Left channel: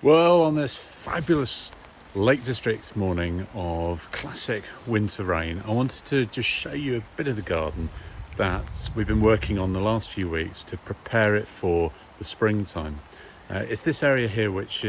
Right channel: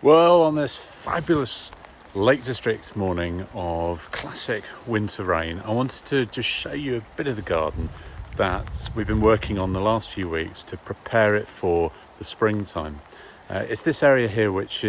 Well, on this fabulous Lake District morning of classic winter rain, I wanted to just show you a bit of the garden that we've been working on the last few weeks to prepare it for the springtime. It's this area here which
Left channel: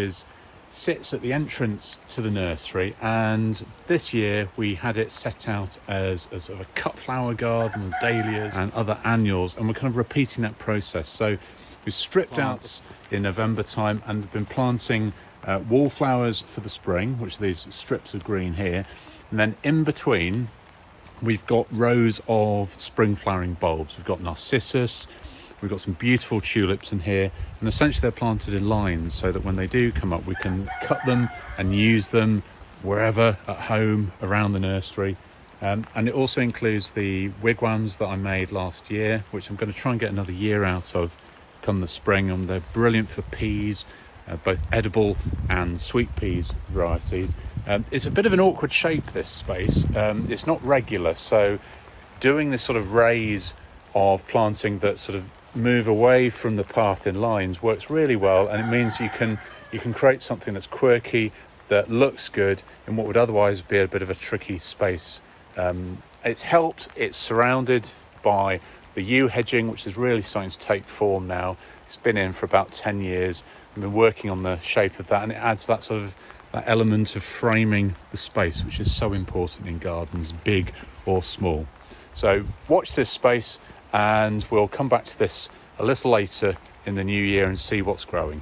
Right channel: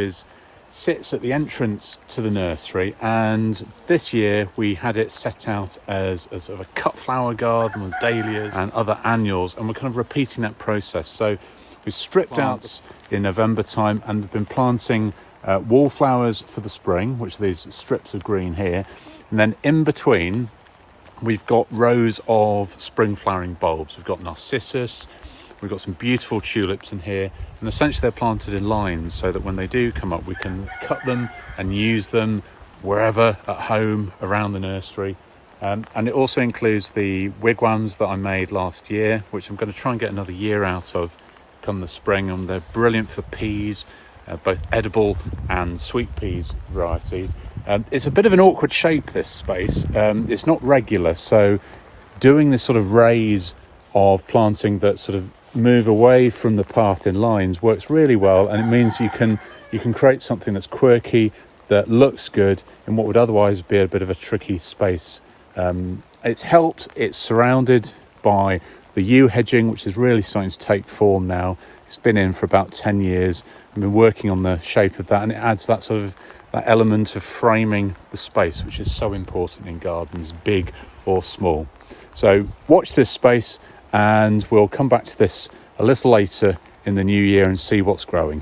sits at the entrance to the nursery, and this year we had it set out as a sort of a cut flower garden with dahlias and other annuals, and we're kind of repeating that process. So we stripped out in November time and we've been planting wallflowers for the spring, which are these strips of green here, and then in between we've got rows of spring flowering bulbs. We've got narcissus, we've got some beautiful tulips in here, and essentially they're planted in lines so that when they do come up we can cut them and use them wherever at home around the nursery. And it also includes the wigwams that I made last year, which I'm going to try and get another year out of come the spring, and they're brilliant for peas, both edible and sweet peas varieties. It's a bit of an awkward shape, this space. It's not regular, so doing this sort of raise of planting that sort of move away from the path in lines works really well, and it means you can create something that's quirky, that looks good in what would otherwise be a bit of a tricky space. It's surrounded by the yew hedging, which is really starting to take form now. It's been in for about 10 years. I've been working on the shape of that, and it adds that sort of that element of framing the space, which is so important in gardens, big or small. So watch this space, and we'll come back to this a little later in the new year and see what's growing.